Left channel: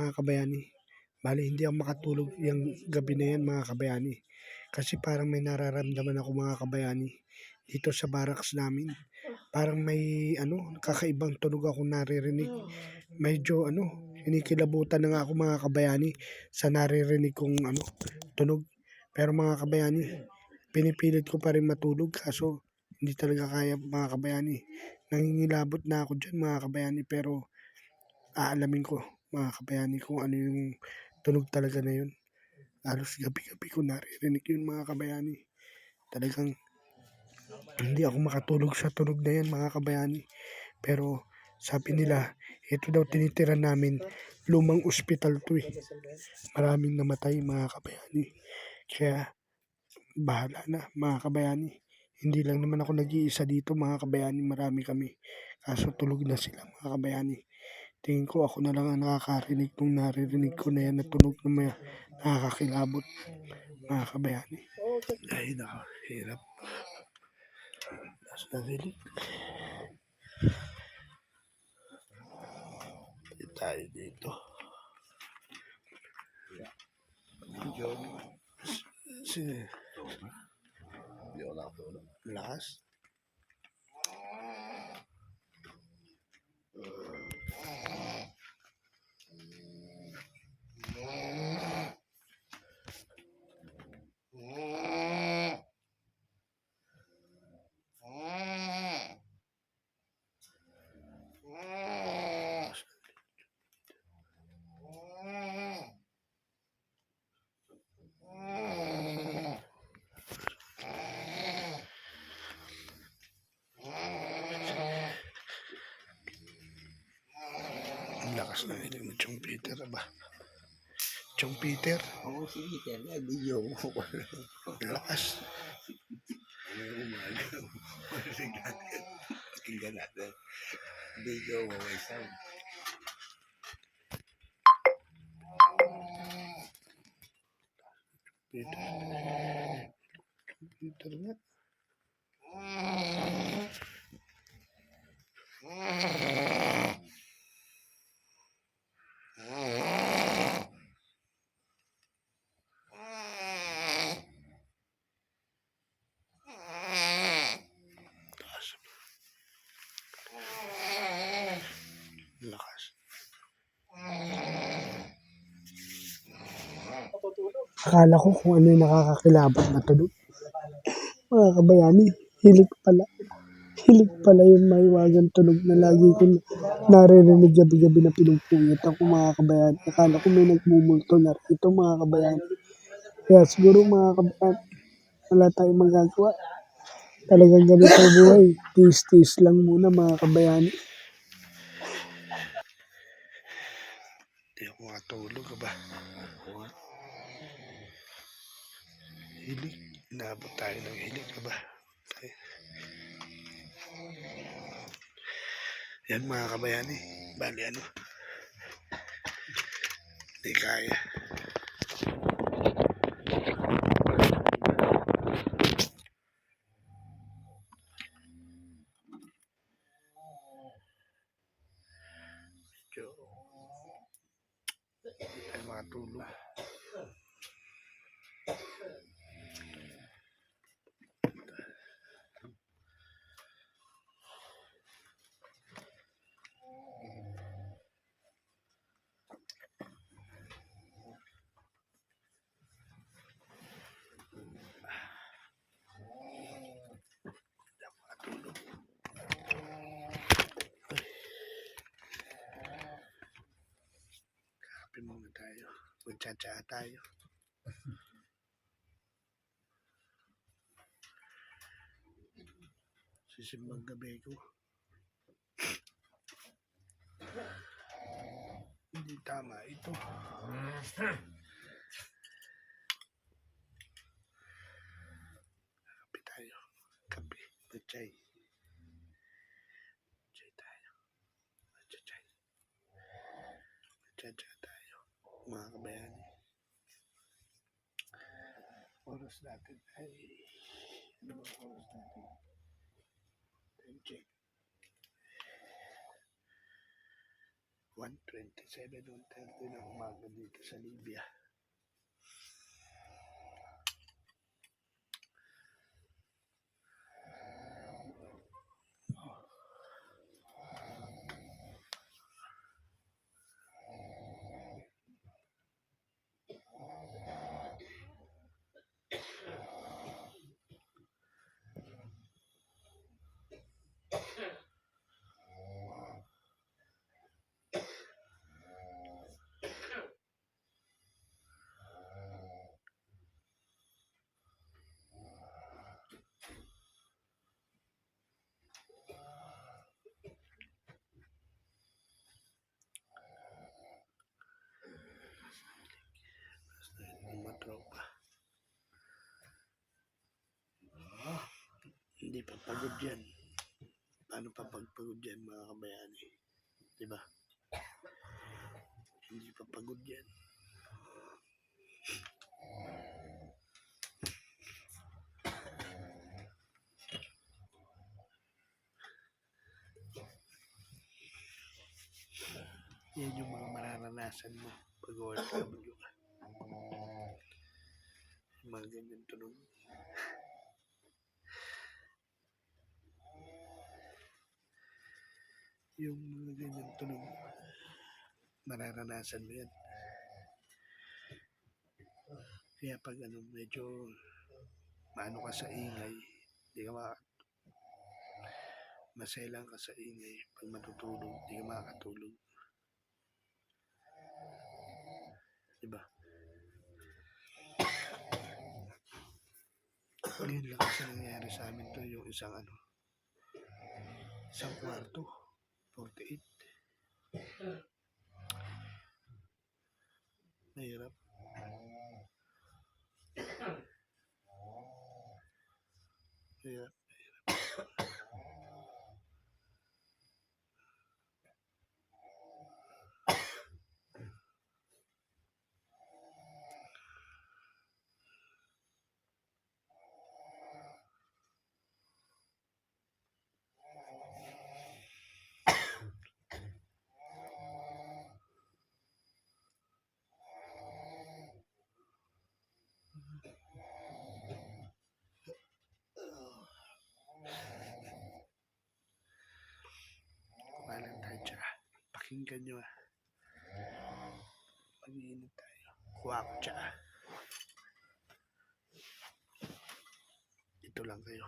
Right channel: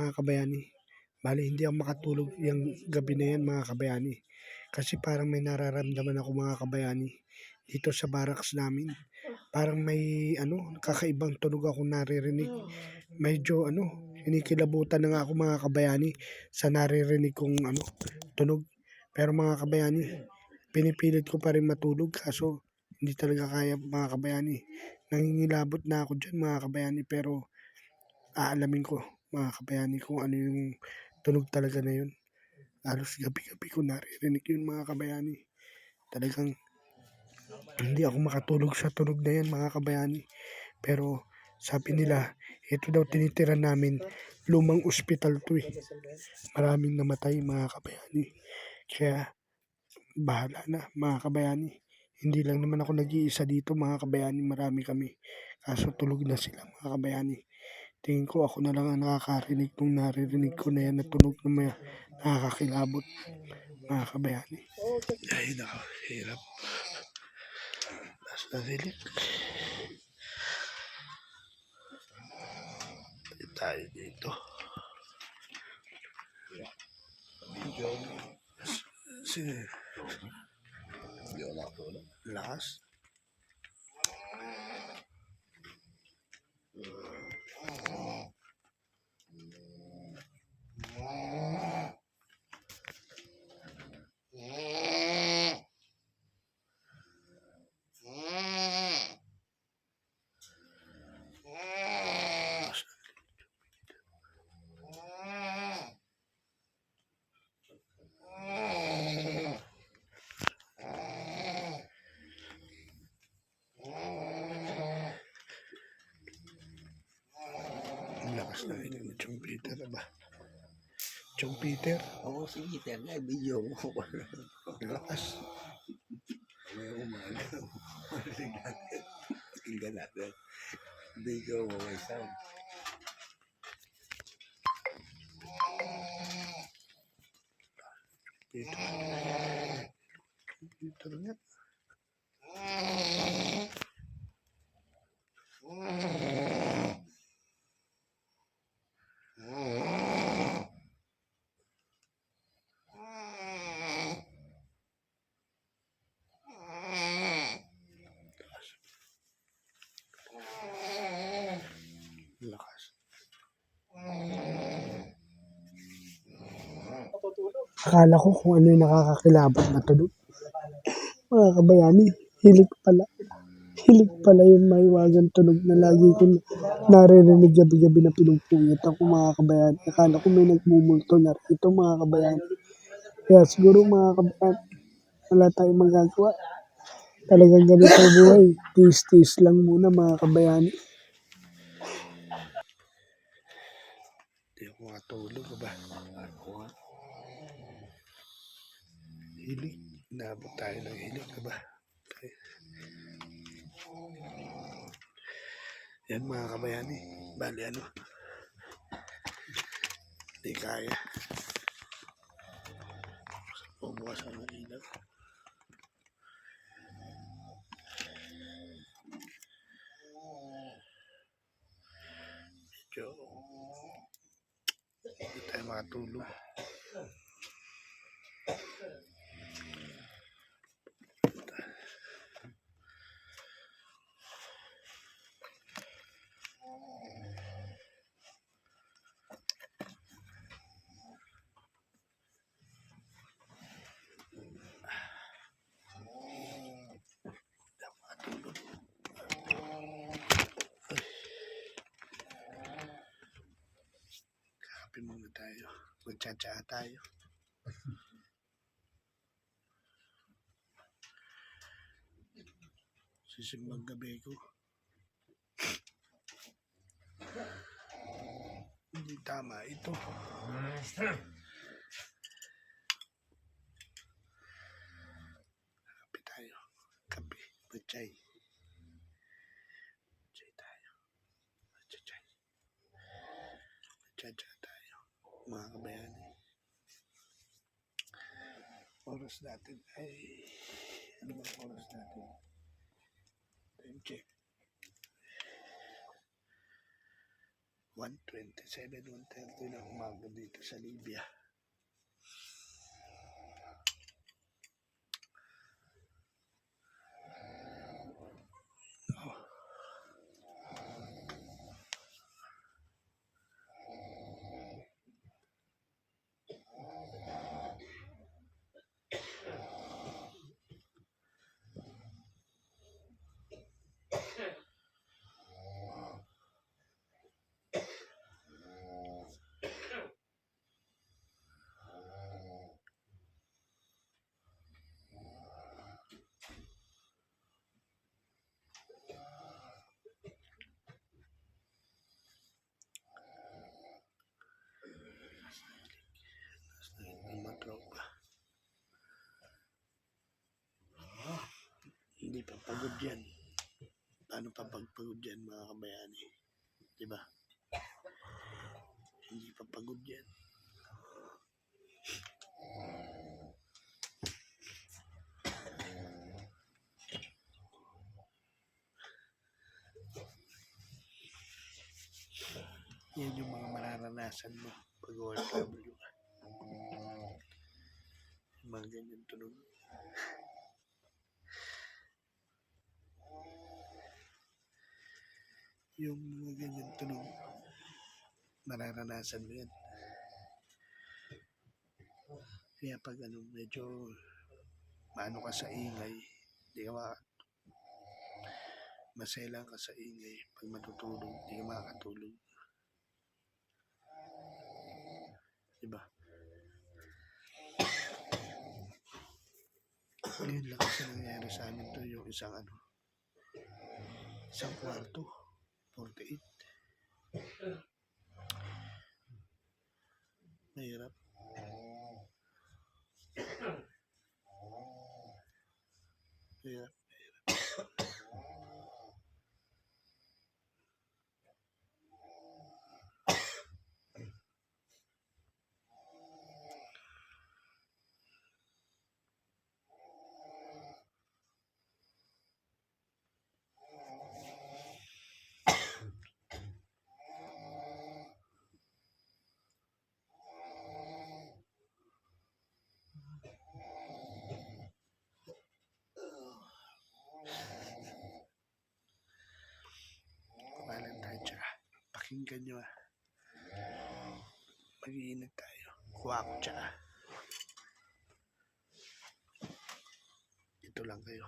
mga kabayani. Bale, hindi ako makatulog yung gabi na yan mga kabayani. Kasi parang may nararamdaman ako mga kabayani dito sa barracks namin. Parang may kakaibang tunog ako naririnig. Medyo kinikilabutan na nga ako mga kabayani sa naririnig kong tunog. Pero mga kabayani, pinipilit ko pa rin matulog kaso hindi talaga kaya mga kabayani. Nangingilabot na ako dyan mga kabayani pero aalamin ko mga kabayani kung ano yung tunog talaga na yun. Halos gabi-gabi ko naririnig yun mga kabayani. Talagang hindi ako makatulog sa tunog na yan mga kabayani. Pero sabi nila, ito daw tinitiran namin, lumang ospital to eh. Maraming namatay mga kabayani. Kaya bahala na mga kabayani. Hindi lang naman ako nag-iisa dito mga kabayani, marami kami. Kaso tulog na sila mga kabayani. Tingin ko ako na lang ang nakakarinig nung naririnig ko na yan na tunog na may nakakakilabot mga kabayani. Ay nako, hirap. Nasa dilig. Tayo dito. Sige. Lakas. Lakas na hiling ni Chong Peter ba? Chong Peter? Oo, si Peter na video mo. Lakas. Pakinggan natin. Video mo may sound. Peter nga. Lakas. Akala ko kung ano yung nakakakilabot na tunog. Mga kabayani, hilik pala. Hilik pala yung maiwagang tunog na lagi ko naririnig gabi-gabi na pinupuyat ako mga kabayani. Akala ko may nagmumulto na rito mga kabayani. Kaya siguro mga kabayani, wala tayong magagawa. Talagang ganito ang buhay. Tiis-tiis lang muna mga kabayani. Hindi ako makatulog ba? Hilik. Inaabot tayo ng hilik ba? Yan mga kabayani. Bali hindi kaya. Medyo hindi tayo makatulog. Kape muna tayo. Magtsatsa tayo. Sisimbang gabi ko. Hindi tama ito. Kape tayo. Kape. Magtsay. Magtsay tayo. Magtsay. Magtsatsa tayo. Mga kabayani. Oras natin ay ano bang oras natin? Time check. 1:27, 1:30 ng umaga dito sa Libya. Ang mga tropa. Hindi pa pagod yan. Paano pa pagpagod yan mga kabayani? Diba? Hindi pa pagod yan. Yan yung mga mararanasan mo pag OFW ka. Yung mga ganyan tunog. Yung mga ganyan tunog, mararanasan mo yan. Kaya pag medyo maano ka sa ingay, di ka maselang ka sa ingay. Pag matutulog, di ka makakatulog. Diba? Ngayon lang kasi nangyayari sa amin to, yung isang kwarto, 48. Mahirap. Mahirap. Kumalan tayo tsaka. Pakinggan nyo Mag-iinit tayo. Kuha ko tsaka. Ito lang kayo.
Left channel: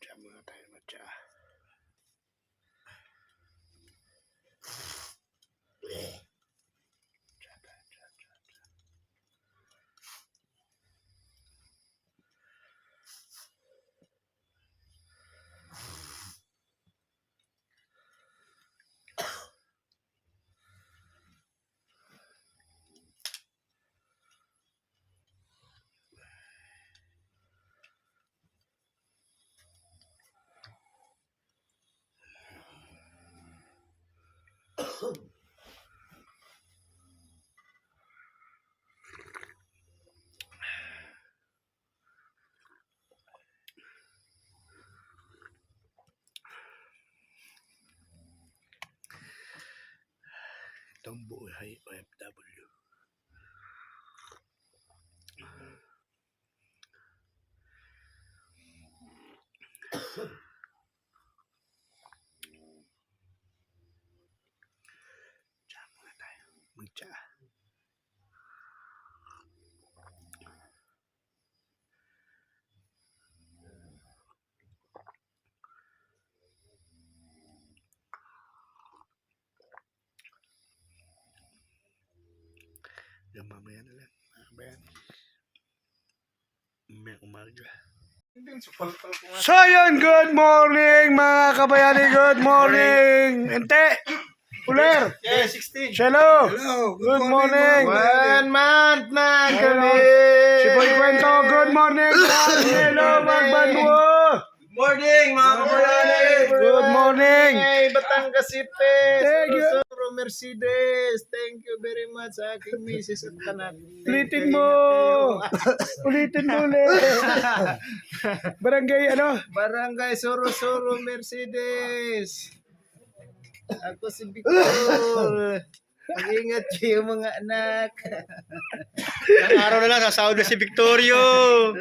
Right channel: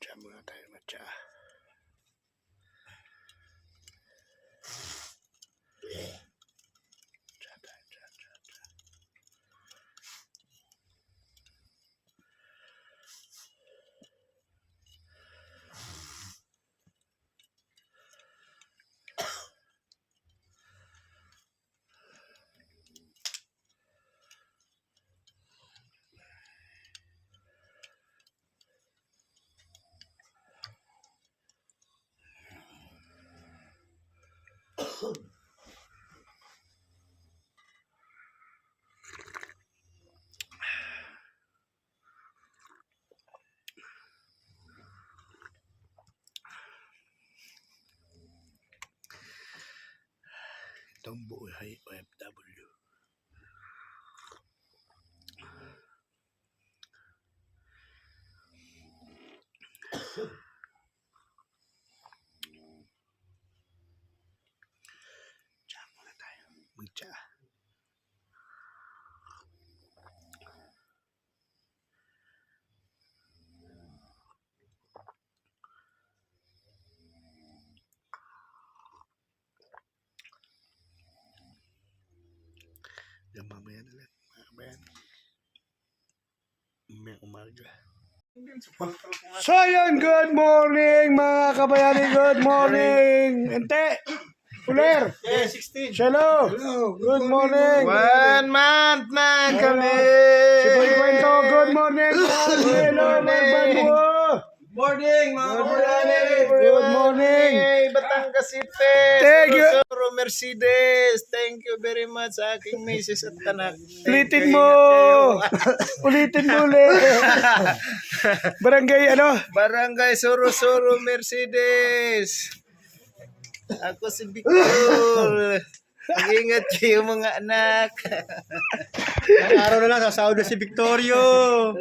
Diyan muna tayo matcha. Itong buhay OFW. Diyan muna tayo magtsa. Diyan mamaya na lang, mga kabayan. May umaga. So yun, good morning mga kabayani, good morning. Ente, Uler, Hello, good morning. 1 month na kami. Si Boy Kwento, good morning. Hello, Magbanwo. Morning, mga kabayani. Good morning. Hey, Batangas City. Thank you. Suro Mercedes. Thank you very much sa aking misis at anak. Ulitin mo. Ulitin mo ulit. Barangay ano? Barangay Suro Mercedes. Ako si Victor. Mag-ingat kayo mga anak. Ang araw na lang, sasahod na si Victorio.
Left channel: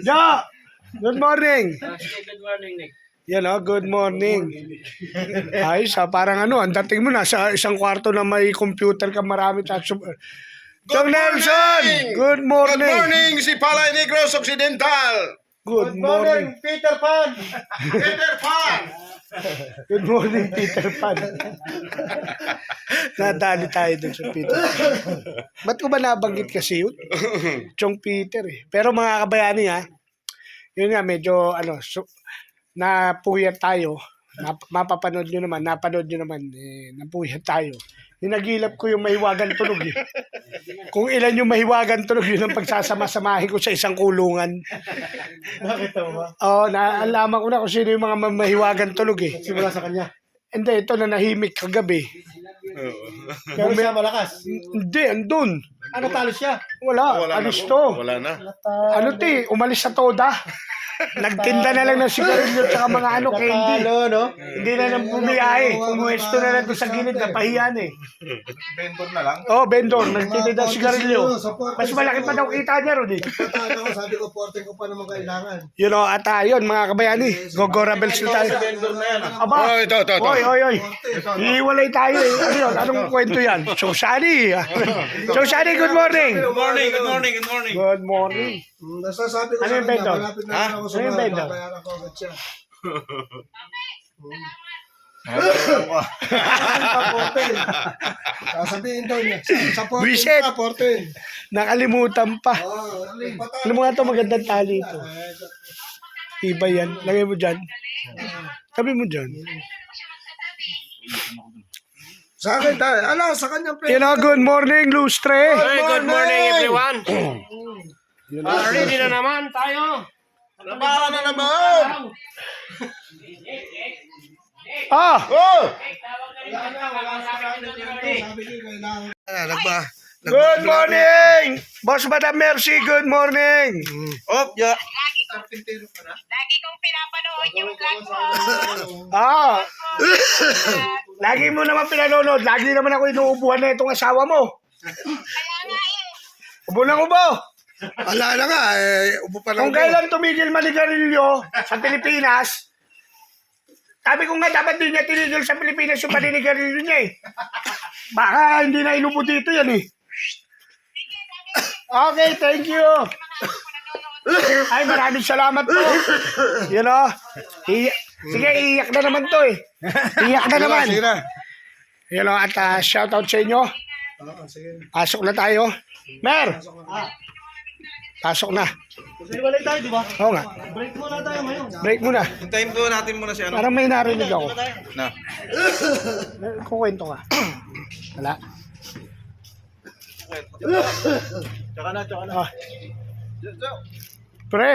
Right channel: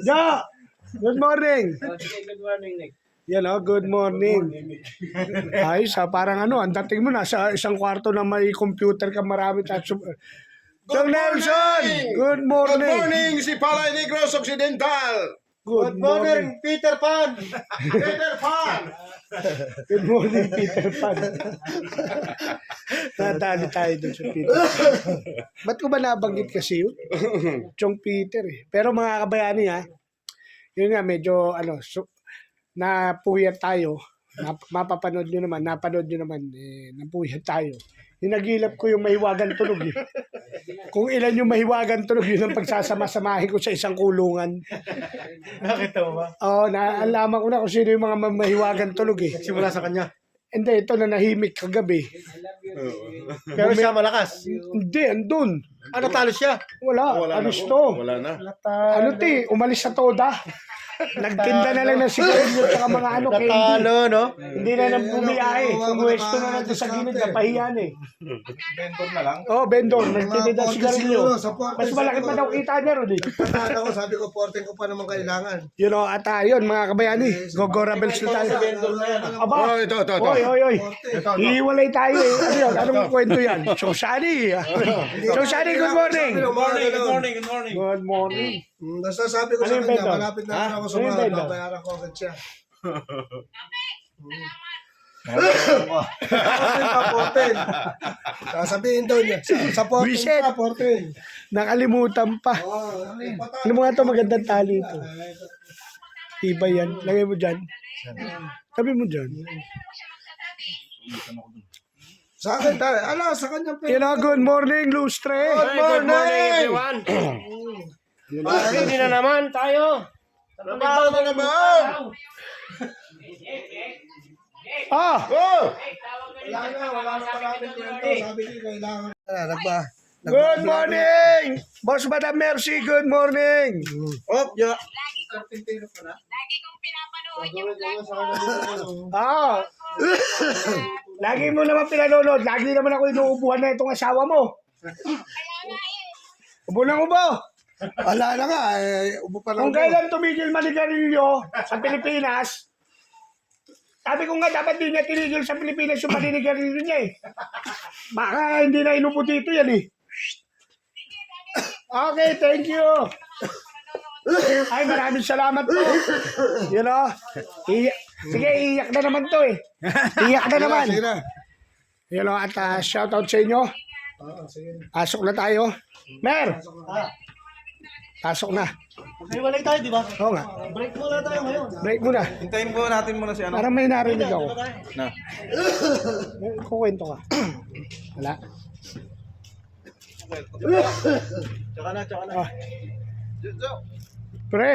Ja! Good morning. Good morning, Nick. Yan o, good morning. Ayos ha, parang ano, ang dating mo na sa isang kwarto na may computer ka marami. Good Nelson! Good morning. Good morning, si Palay Negros Occidental. Good morning. Peter Pan. Peter Pan. Good morning, Peter Pan. Nadali tayo dun sa Peter Pan. Ba't ko ba nabanggit kasi yun? Chong Peter eh. Pero mga kabayani ha, yun nga medyo ano, napuyat tayo. Mapapanood nyo naman, napanood nyo naman, napuyat tayo. Hinagilap ko yung mahiwagan tunog eh. Kung ilan yung mahiwagan tunog, yun ang pagsasama-samahin ko sa isang kulungan. Nakita mo ba? Oo, naalaman ko na kung sino yung mga mahiwagan tunog eh. Simula sa kanya. Hindi, ito na nahimik kagabi. Pero siya malakas. Hindi, andun. Ano talo siya? Wala, alis to. Wala na. Ano ti, umalis sa toda. Nagtinda na lang ng sigarilyo at mga ano, candy. Natalo, no? Hindi na nang bumiyahe. Pumuwesto na lang doon sa gilid na pahiyan eh. Vendor na lang. Oh, vendor, nagtinda ng sigarilyo. Mas malaki pa daw kita niya ron eh. Ako, sabi ko, porting ko pa naman kailangan. You know, at yun mga kabayani, gogorabels na tayo. Vendor na yan. Aba, ito. oy. Hiwalay tayo eh. Ano yun? Anong kwento yan? Susani. Susani, good morning. Good morning, good morning, good morning. Good morning. Nasasabi ko Ano sa yung kanya, vendor? malapit na ako sa Ano yung mga vendor? babayaran ko agad siya. Porting. Sasabihin daw niya, sa porting Wiset. ka, porting. Nakalimutan pa. Oh, Ano mo nga ito, magandang tali ito. Iba yan. Lagay mo dyan. Tabi mo dyan. sa akin tayo. Ala, sa kanyang You know, good morning, Lustre. Good morning, everyone. Ready na naman tayo. Trabaho na naman. Ah, Sabi ko, kailangan. good morning. Boss Madam Mercy, good morning. Op, ya. Ah. Lagi mo naman pinanonood. Lagi naman ako inuubuhan na itong asawa mo. Ubo ng ubo. Ala na nga, upo pa lang Kung kailan tumigil manigarilyo sa Pilipinas, sabi ko nga dapat din niya tinigil sa Pilipinas yung paninigarilyo niya eh. Baka hindi na inupo dito yan eh. Okay, thank you. Ay, maraming salamat po. You know, sige, iiyak na naman to eh. Iiyak na naman. Sige na. You know, at shout out sa inyo. Pasok na tayo. Mer! Pasok na. Magsiwalay tayo, di ba? Oo nga. Break muna tayo ngayon. Break muna. Hintayin po natin muna si ano. Parang may narinig ako. Na. Kukwento ka. Wala. Tsaka na. Ah. Pre,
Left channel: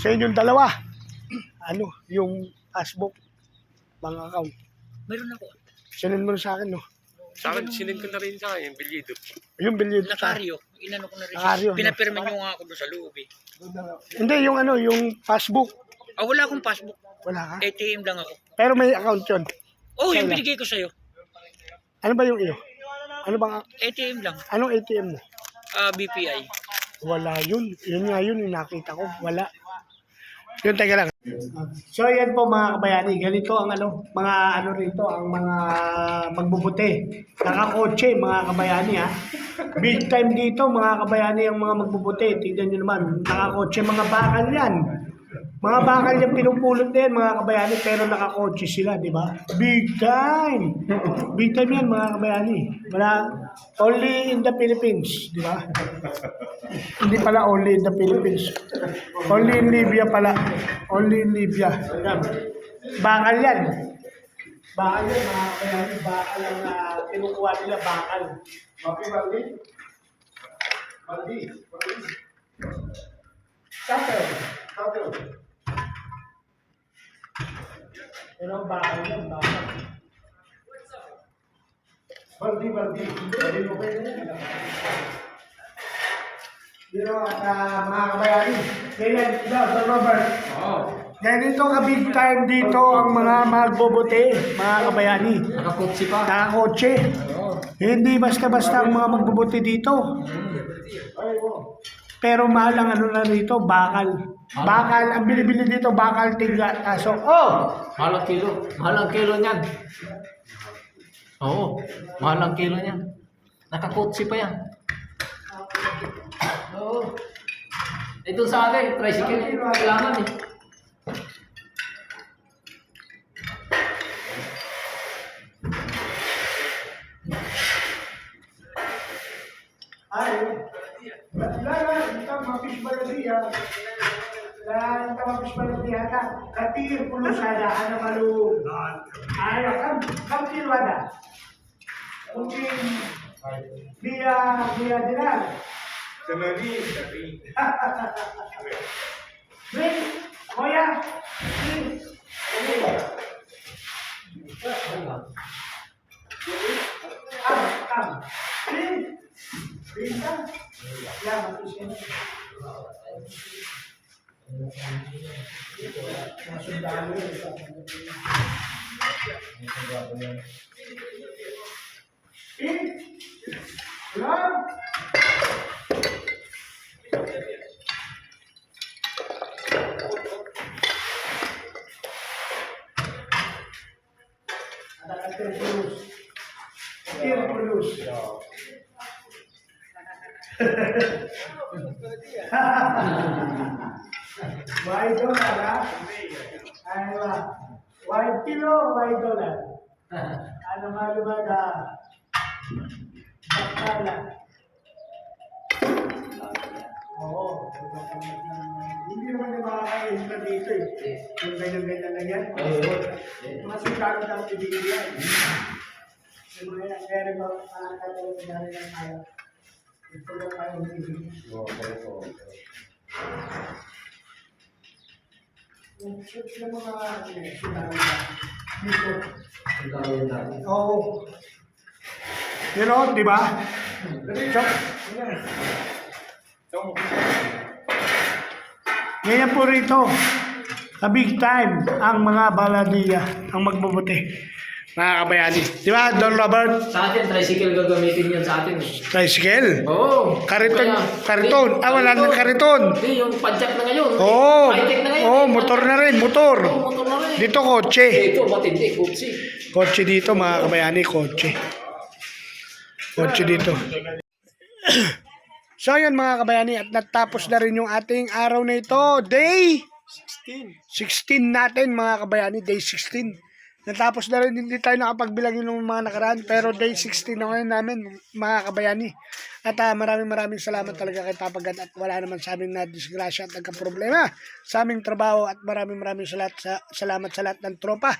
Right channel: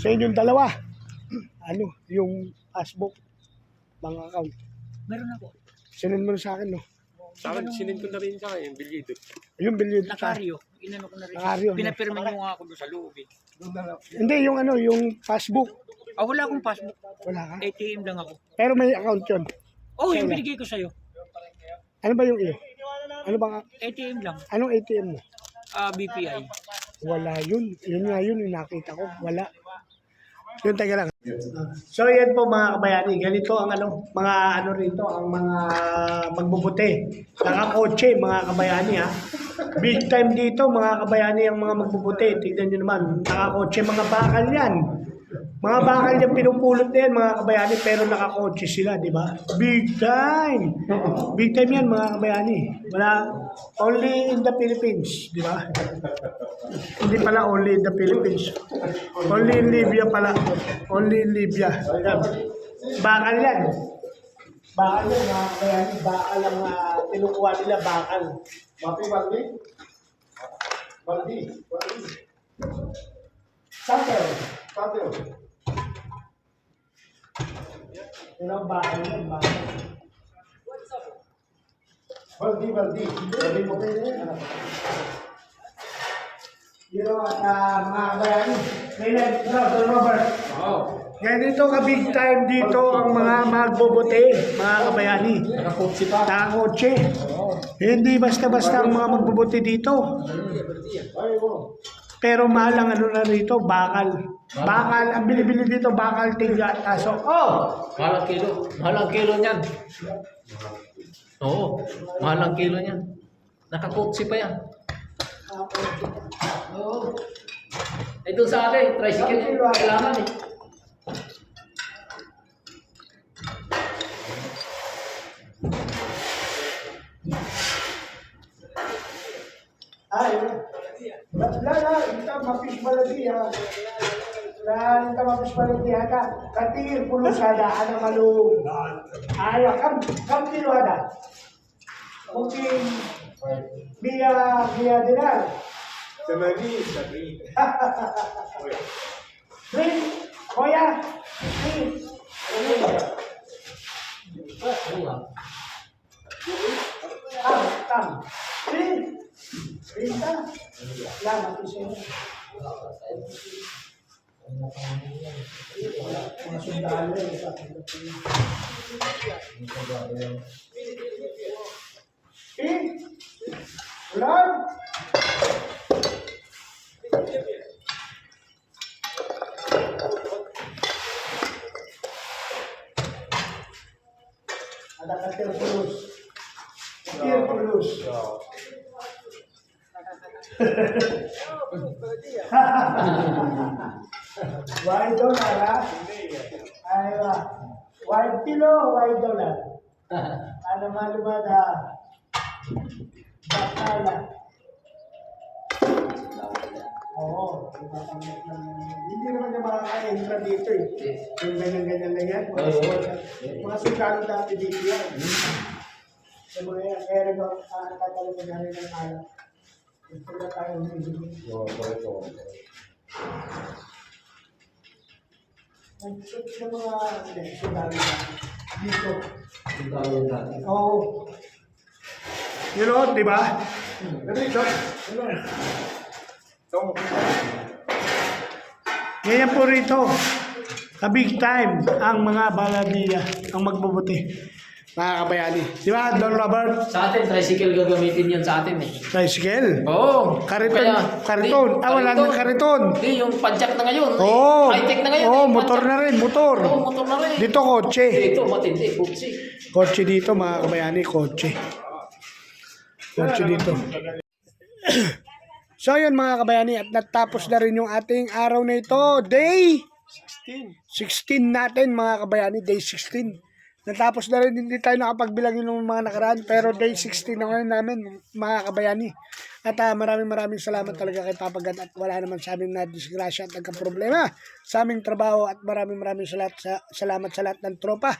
sa inyong dalawa, ano, yung passbook, mga account. Meron ako. Sinend mo na sa akin, no? Sa akin, sinend ko na rin sa akin, yung bilyido. Yung bilyet sa Nakaryo. Inano ko na rin. Nakaryo, no? Pinapirma nyo nga ako doon sa loob eh. Hindi, yung ano, yung passbook. Wala akong passbook. Wala ka. ATM lang ako. Pero may account yun. Oh, yung Kailan? binigay ko sa'yo. Ano ba yung iyo? Ano bang, ATM lang. anong ATM mo? BPI. Wala yun. Yun nga yun, yung nakita ko. Wala. Yun, teka lang. So, yan po mga kabayani. Ganito ang ano, mga ano rito, ang mga magbubuti. Nakakotse, mga kabayani ha. Big time dito, mga kabayani, ang mga magbubuti. Tignan nyo naman, nakakotse, mga bakal yan. Mga bakal yan, pinupulot na yan, mga kabayani, pero nakakotse sila, di ba? Big time! Big time yan, mga kabayani. Wala, only in the Philippines, di ba? Hindi pala only in the Philippines. Only in Libya pala. Only in Libya. Bakal yan. Bakal yan, mga kabayani. Bakal ang kinukuha nila, bakal. Baldi? Satel. Yun ang bakal yan, bakal. Baldi. Baldi mo kayo yan. Pero at mga kabayani, Sir Robert. Ganito ka big time dito ang mga magbobote, mga kabayani. Nakakotsi pa. Nakakotse. Hindi basta-basta ang mga magbobote dito. Pero mahal ang ano na rito, bakal. Bakal, ang bilibili dito, bakal tigla. Kaso, Mahal ang kilo. Mahal ang kilo niyan. Oo, mahal ang kilo niyan. Nakakotsi pa yan. Eh doon sa akin, tricycle yung kailangan eh. ay, ito mapis baladiya. Ito mapis baladiya ka. Katir pulusada, ano malu. Ay, kam kilo ada. Mungkin dia dinar. Samari. Wait, Koya, please. Come. Please. Bisa. Lah, mati sini. Masuk dalam. Ulang. Ada katil terus. Why dollar, ha? Aywa. Why kilo, why dollar? Ano malumada? Bakala. Oo. Hindi naman yung makakain na dito eh. Yung ganyan-ganyan lang yan. Mga sundalo dati dito yan. Yung mga yan. Kaya nagkakaroon na rin ng kaya. Ito na tayo hindi. Nag-search ng mga sundalo dito. Oo. You know, di ba? Ganyan po rito. Big time ang mga baladiya ang magbubuti. Mga kabayani. Di ba, Don Robert? Sa atin, tricycle gagamitin yan sa atin eh. Tricycle. Oo. Kariton. Kaya- Kariton. Ah, wala nang kariton. Hindi, yung padjak na ngayon. Oo. High-tech na ngayon. Oo, motor na rin. Motor. Oo, motor na rin. Dito, kotse. Dito, matindi, kutsi. Kotse dito, mga kabayani. Kotse. Kotse dito. So, yun mga kabayani. At natapos na rin yung ating araw na ito. Day 16 natin, mga kabayani. Day 16. Natapos na rin, hindi tayo nakapagbilang yun ng mga nakaraan, pero day 16 na ngayon namin, mga kabayani. At maraming salamat talaga kay Papa God at wala naman sa aming na-disgrasya at nagka-problema sa aming trabaho at maraming salamat sa lahat ng tropa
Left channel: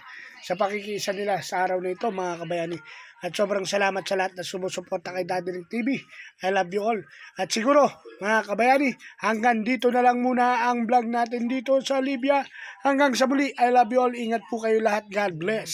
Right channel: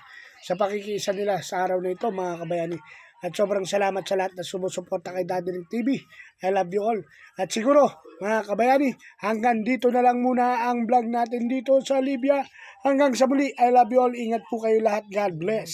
sa pakikiisa nila sa araw na ito, mga kabayani. At sobrang salamat sa lahat na sumusuporta kay Daddy Ring TV. I love you all. At siguro, mga kabayani, hanggang dito na lang muna ang vlog natin dito sa Libya. Hanggang sa muli, I love you all. Ingat po kayo lahat. God bless.